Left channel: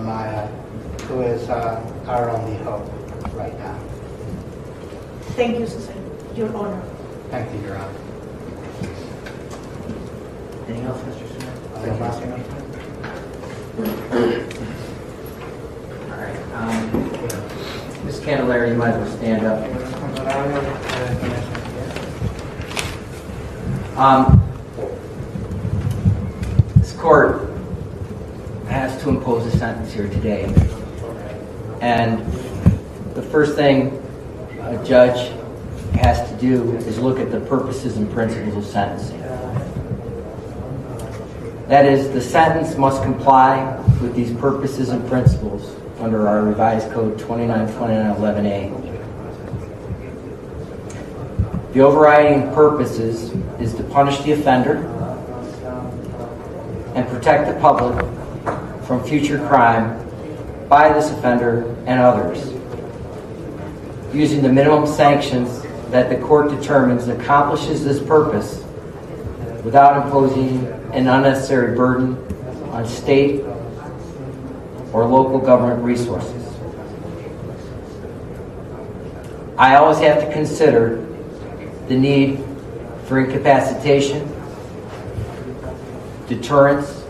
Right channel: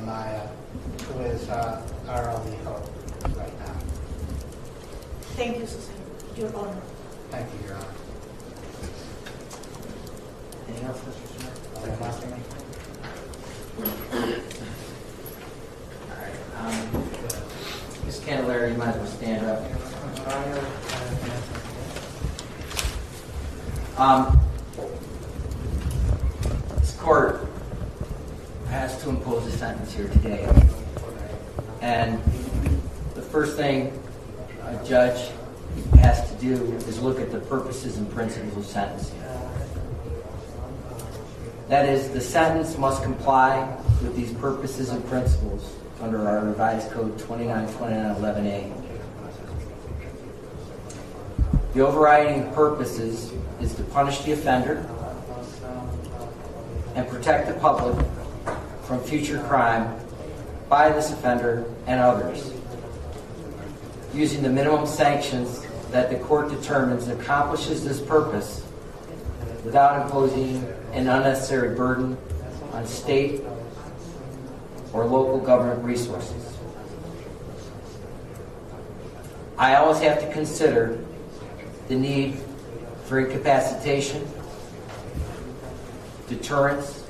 Maya, who is our only hope right now. Thank you, Susan. Your Honor. Thank you, Your Honor. Anything else, Mr. Smith? All right. Ms. Candelario, you might as well stand up. This court has to impose a sentence here today. And the first thing a judge has to do is look at the purposes and principles of sentencing. That is, the sentence must comply with these purposes and principles under our revised code 292911A. The overriding purposes is to punish the offender and protect the public from future crime by this offender and others, using the minimum sanctions that the court determines accomplishes this purpose without imposing an unnecessary burden on state or local government resources. I always have to consider the need for incapacitation, deterrence,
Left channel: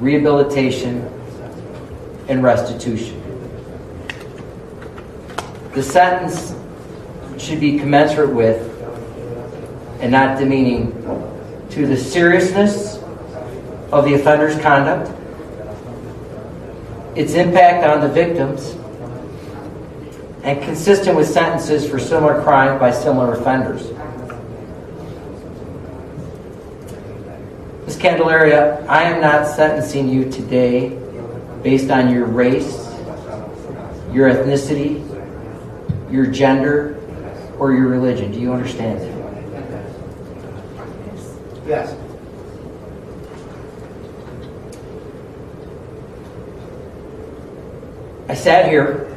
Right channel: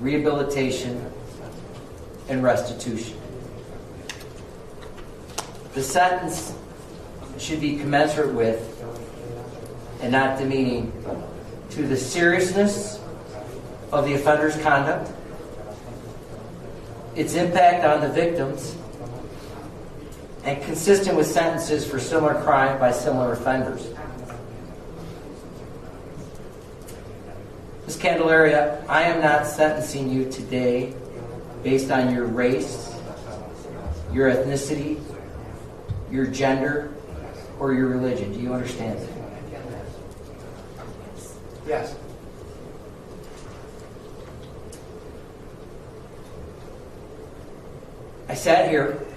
rehabilitation, and restitution. The sentence should be commensurate with and not demeaning to the seriousness of the offender's conduct, its impact on the victims, and consistent with sentences for similar crime by similar offenders. Ms. Candelario, I am not sentencing you today based on your race, your ethnicity, your gender, or your religion. Do you understand that? Yes. I sat here,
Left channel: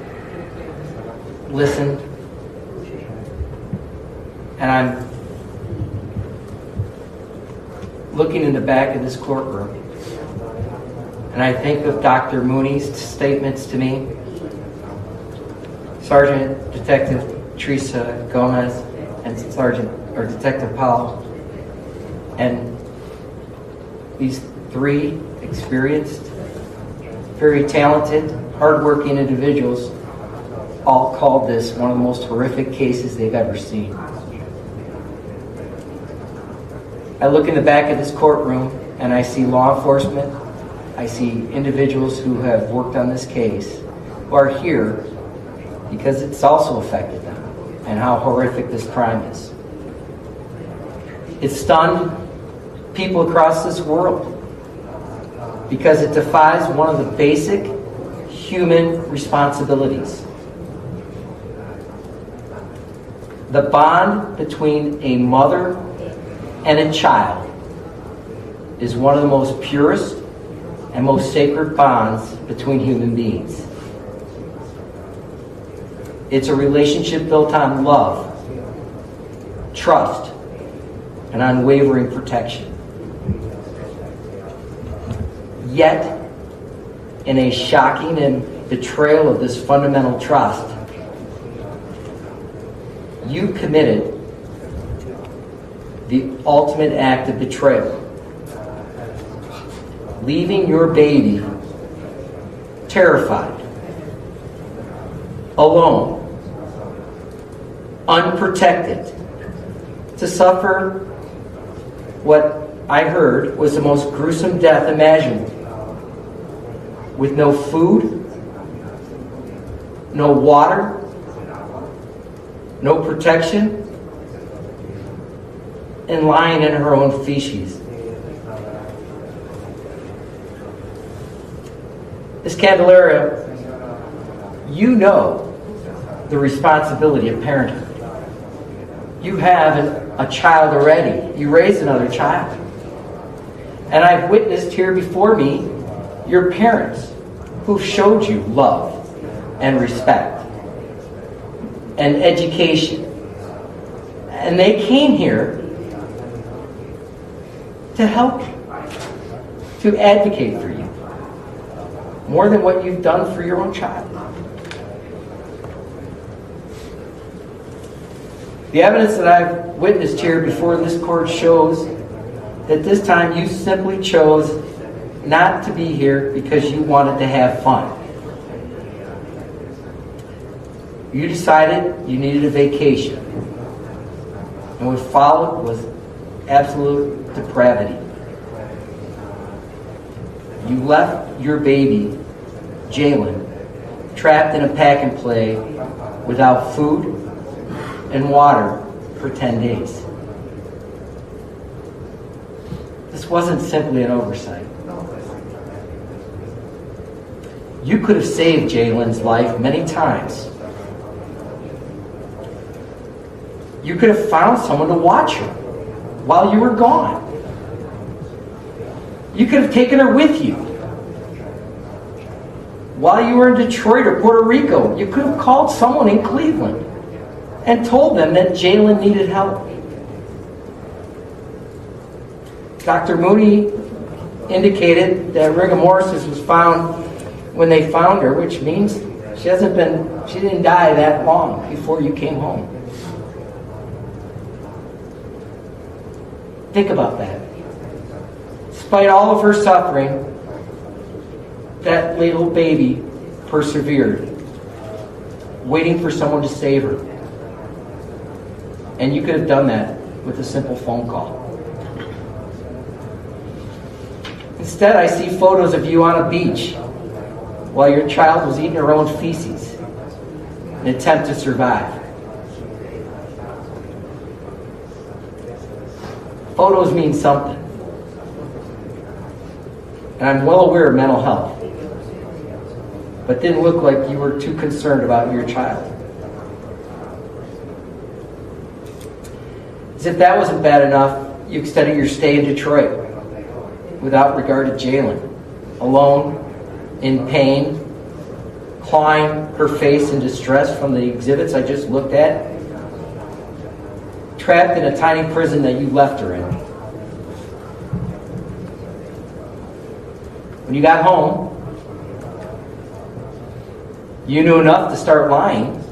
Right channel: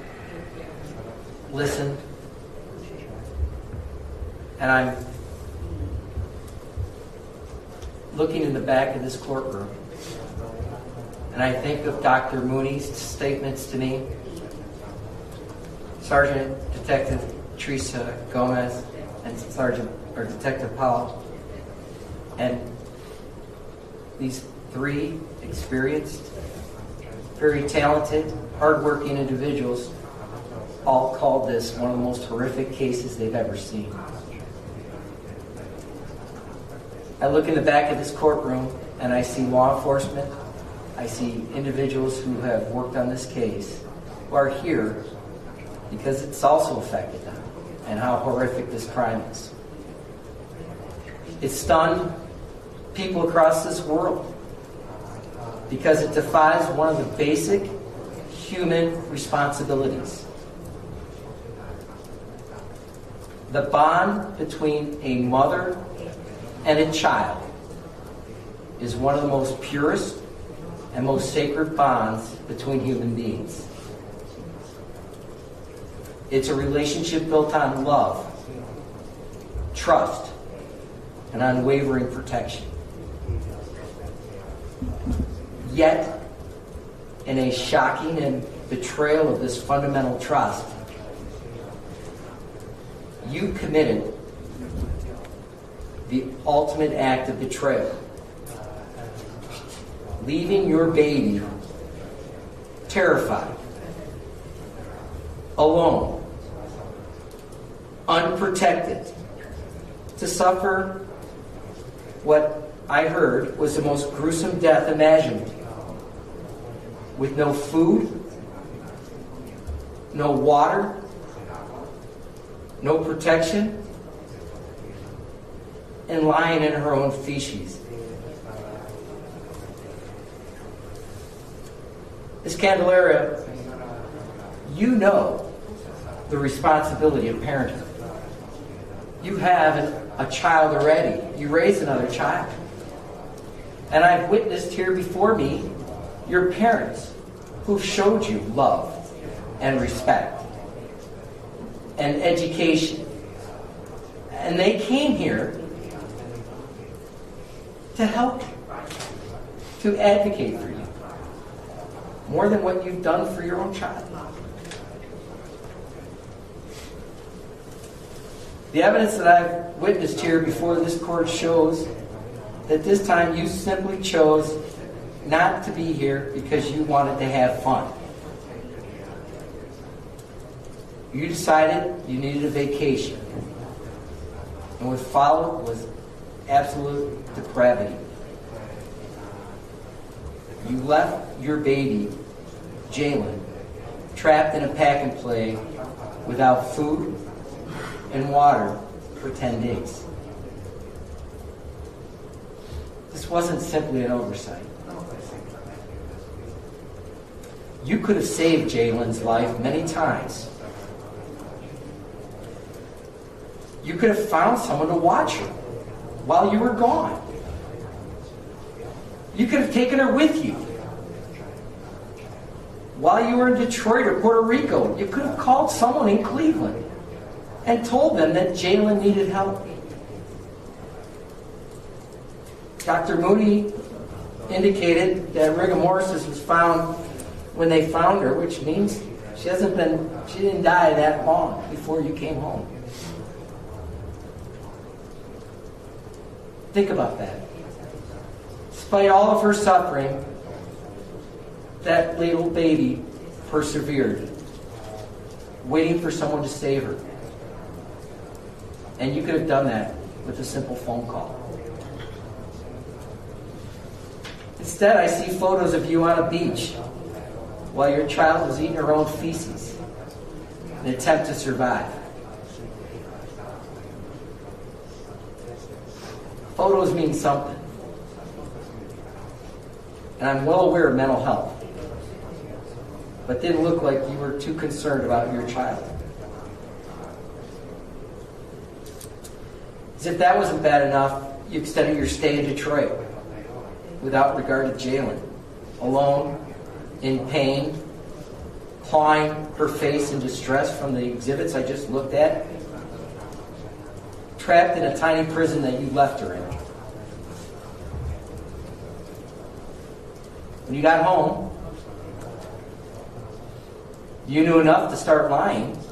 listened, and I'm looking in the back of this courtroom, and I think of Dr. Mooney's statements to me, Sergeant Detective Teresa Gomez, and Detective Powell, and these three experienced, very talented, hardworking individuals all called this one of the most horrific cases they've ever seen. I look in the back of this courtroom and I see law enforcement, I see individuals who have worked on this case, who are here because it's also affected them and how horrific this crime is. It stunned people across this world because it defies one of the basic human responsibilities. The bond between a mother and a child is one of the most purest and most sacred bonds between human beings. It's a relationship built on love, trust, and unwavering protection. Yet, in a shocking and betrayal of this fundamental trust, you committed the ultimate act of betrayal, leaving your baby terrified, alone, unprotected, to suffer what I heard was the most gruesome death imaginable, with no food, no water, no protection, and lying in her own feces. Ms. Candelario, you know the responsibility of parenthood. You have a child already. You raised another child. And I've witnessed here before me your parents who've showed you love and respect and education. And they came here to help you, to advocate for you. more than what you've done for your own child. The evidence that I've witnessed here before this court shows that this time you simply chose not to be here because you wanted to have fun. You decided you needed a vacation. And what followed was absolute depravity. You left your baby, Jailyn, trapped in a pack and play without food and water for 10 days. This wasn't simply an oversight. You could have saved Jailyn's life many times. You could have found someone to watch her while you were gone. You could have taken her with you. While you were in Detroit or Puerto Rico, you could have called someone in Cleveland and told them that Jailyn needed help. Dr. Mooney indicated that rigor mortis was found when they found her, which means she didn't die that long before you came home. Think about that. Despite all of her suffering, that little baby persevered, waiting for someone to save her. And you could have done that with a simple phone call. Instead, I see photos of you on a beach while your child was eating her own feces in an attempt to survive. Photos mean something. And I'm well aware of mental health, but didn't look like you were too concerned about your child. As if that wasn't bad enough, you extended your stay in Detroit without regard to Jailyn, alone, in pain, clawing her face in distress from the exhibits I just looked at, trapped in a tiny prison that you left her in. When you got home, you knew enough to start lying.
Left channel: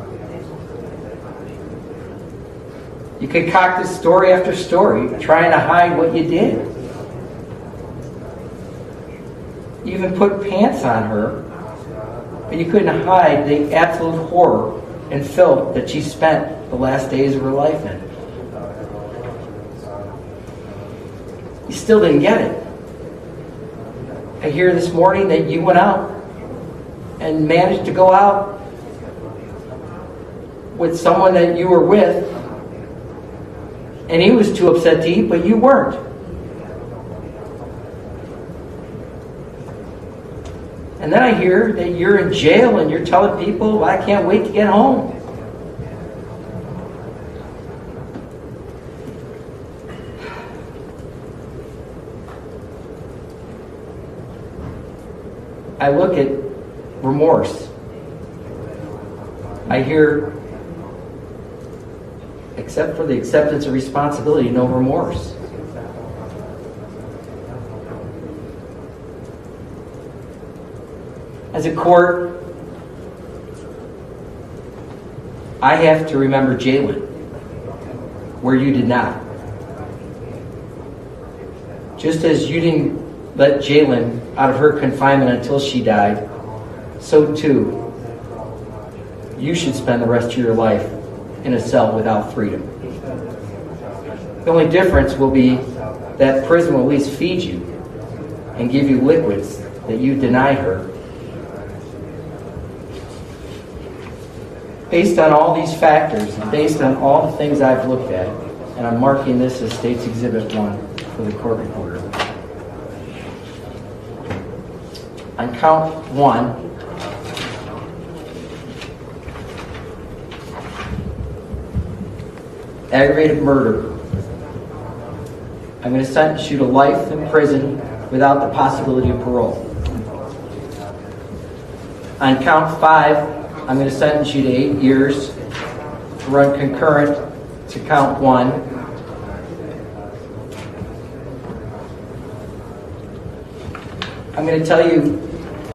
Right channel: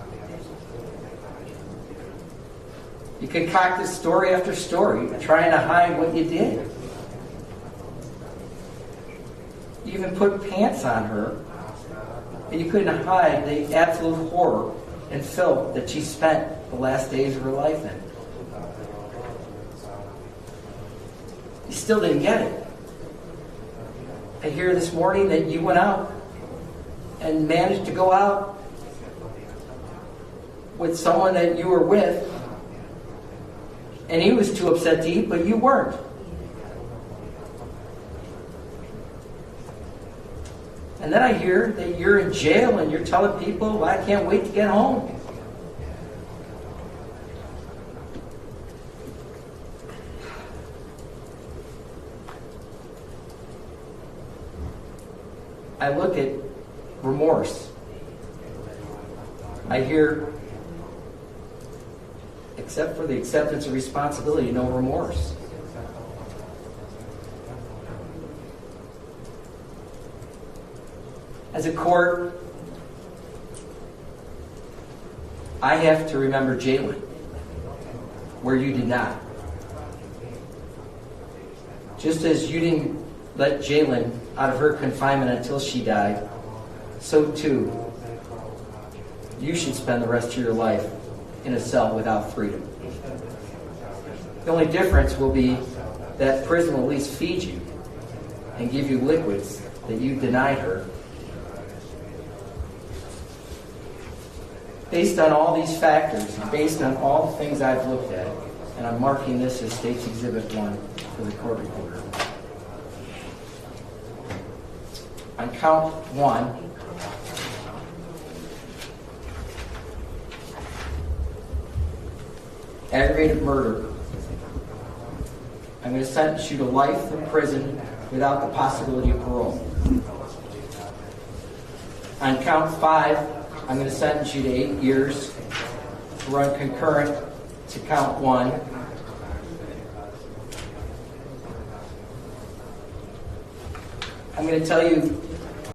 You concocted story after story, trying to hide what you did. You even put pants on her, but you couldn't hide the absolute horror and filth that she spent the last days of her life in. You still didn't get it. I hear this morning that you went out and managed to go out with someone that you were with, and he was too upset to eat, but you weren't. And then I hear that you're in jail and you're telling people, I can't wait to get home. I look at remorse. I hear, except for the acceptance of responsibility, no remorse. As a court, I have to remember Jailyn, where you did not. Just as you didn't let Jailyn out of her confinement until she died, so too, you should spend the rest of your life in a cell without freedom. The only difference will be that prison will at least feed you and give you liquids that you denied her. Based on all these factors, and based on all the things I've looked at, and I'm marking this as State's Exhibit 1 for the court reporter. On count 1, aggravated murder, I'm going to sentence you to life in prison without the possibility of parole. On count 5, I'm going to sentence you to 8 years to run concurrent to count 1. I'm going to tell you